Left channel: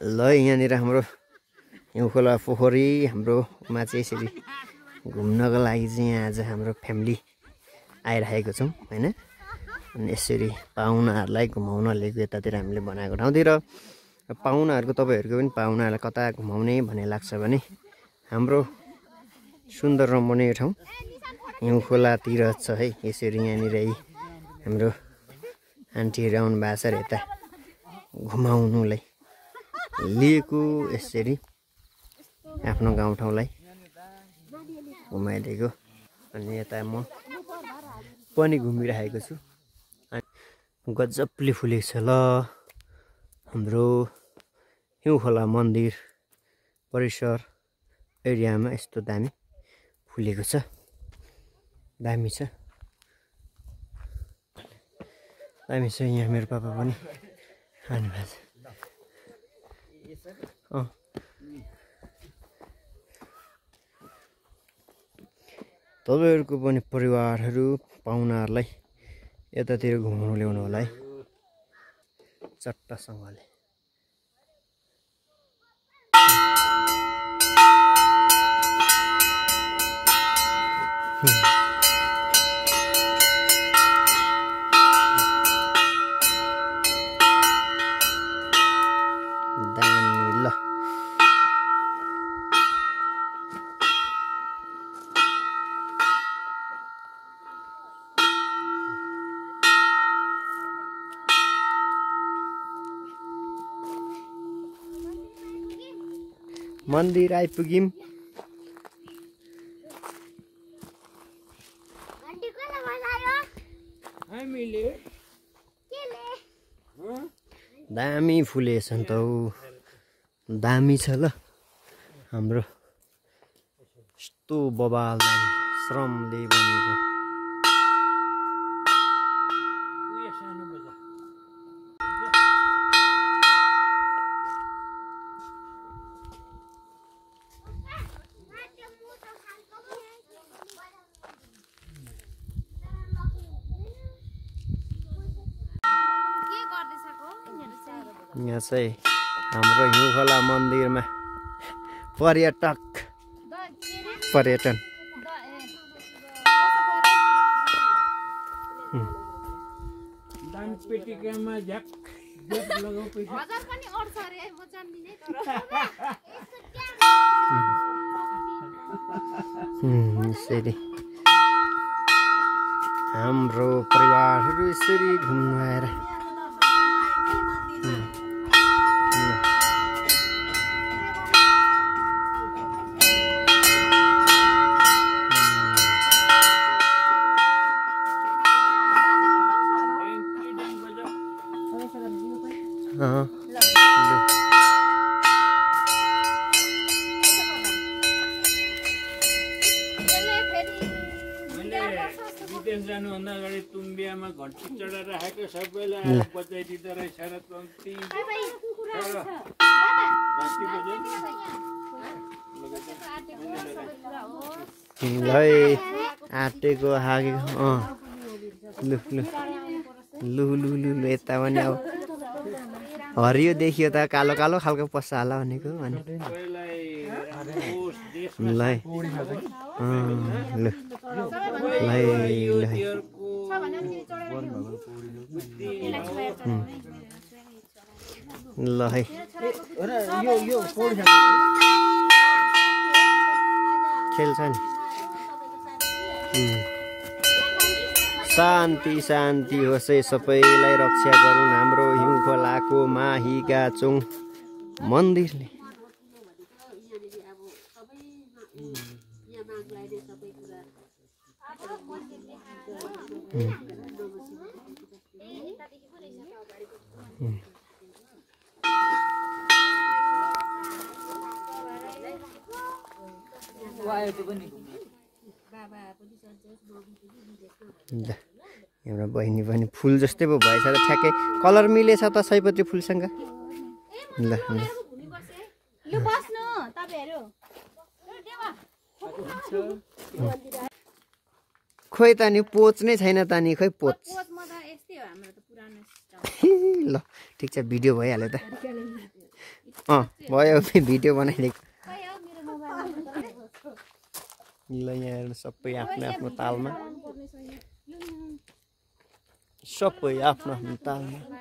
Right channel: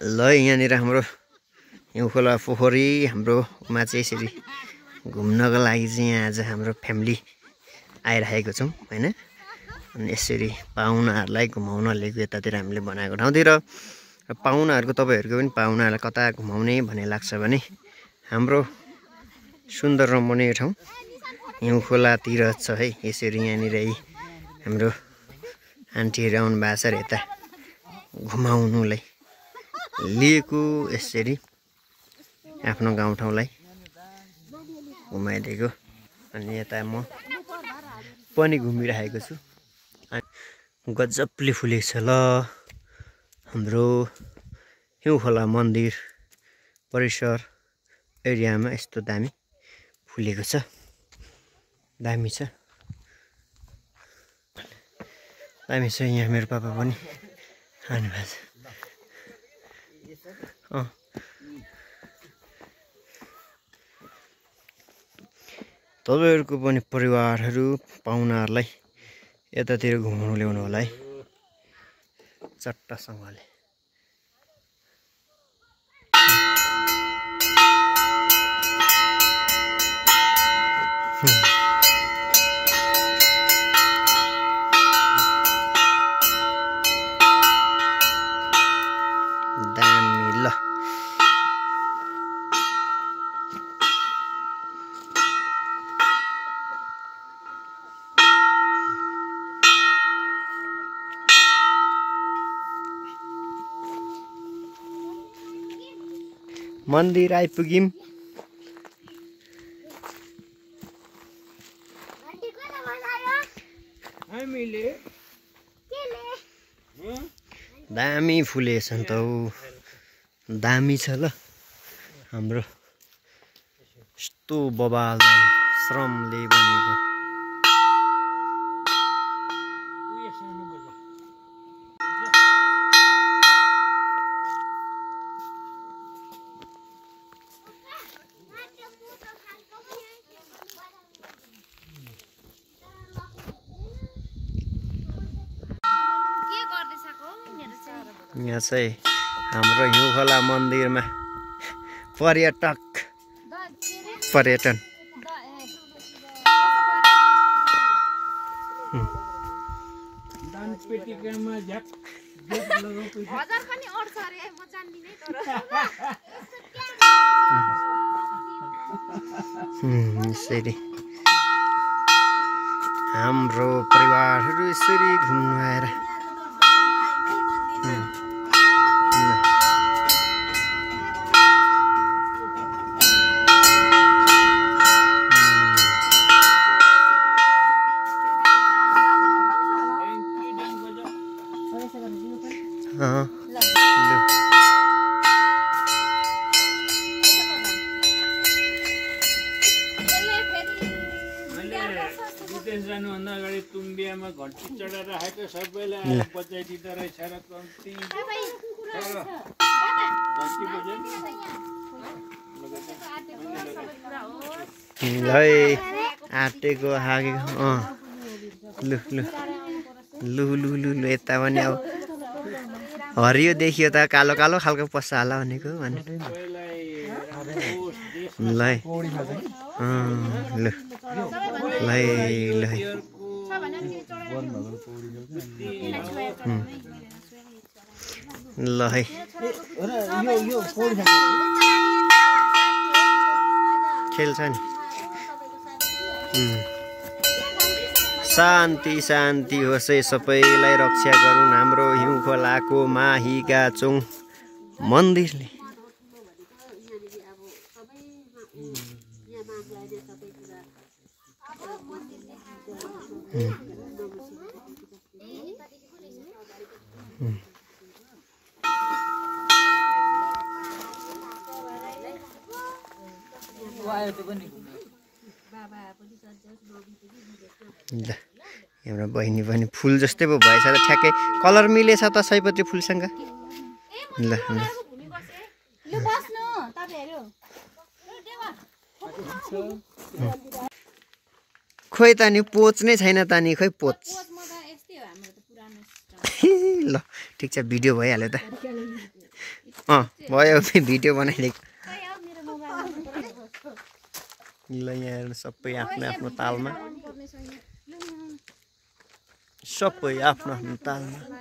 ल यहाँनिर हाम्रो हिउँखोला पोखरी हाम्रोमा चाहिँ यसरी घुम्नको लागि चाहिँ यहाँ आज हाम्रो फ्यामिली आइरहेको छौँ हैन। अनि यसरी पाहुनाहरूलाई घुमाउन लिएको यतातिर हामीले बनाएको ठाउँतिर पाहुनाहरूको तपाईँहरूको पनि पाहुनाहरूलाई कता घुमाउने भन्ने लाग्छ भने हाम्रो सुन्दर रमणीय ठाउँ हिउँखोलातिर छ है। यसरी यहाँनिर हाम्रो आन्टीहरू आउनु भएको छ र यता घुमाउनुलाई लिएको यसरी आफ्नो गाउँठाउँलाई घुमाइदिएको। अनि यता म पनि घुमिरहेको छु। गजबले फुलेको छ ल हाम्रो हिउँखोला मन्दिर परिसर एरियामा यस्तो दामी फुलेको छ, दामी छ दामी छ। यहाँ मेरो पापा पनि आउनु भएको छ। तपाईँहरूको पनि परिवारहरू पाहुनाहरूलाई यतातिर घुमाउनु ल्याउनु होला है चट्टसँगले। दामी ल मन्दिर आइपुग्यौँ। दामी फुलेछ नि त हौ, दामी छ ल हाम्रो यस्तो बबाल दामी श्रमले बनेको। यहाँ चाहिँ हाम्रो हिउँखोला मन्दिरमा पर्यटन यसरी हाम्रो परिवारहरू यसरी घुम्नु आएर विदेश जानुभन्दा अगाडि तुम्बियामा घन्टी चढाएर राखेको सबैलाई बचाइदिँदो रहेछ र कम्ती है आँटेको हागेको लु लु लु लु लु लु यता पनि अब हरियो देखियो त कालो कालो खालको पस्छ होला भनेको भने ल लु ल ल है खेल्छ नि। शान्ति शान्ति होस् है, सबैलाई रक्षा गरून् हाम्रो हिउँखोलाको माहीगाचोङ मन्दिरले। ल हाम्रो बहिनी पनि फुल जस्तै पो भएछ त, ठ्याक्कै कलर मिलेछ त सयपत्री फुलसँग। ल खोइ त नि पोच नै छैन त नि, खोइ पोच ल ठिक छ भिडियो भइहाल्यो त। भयो भिडियो बनाइदिएको ल यहाँ हेर्नु सबै आफ्नो आफ्नो तालमा सबै आफ्नो आफ्नो तालमा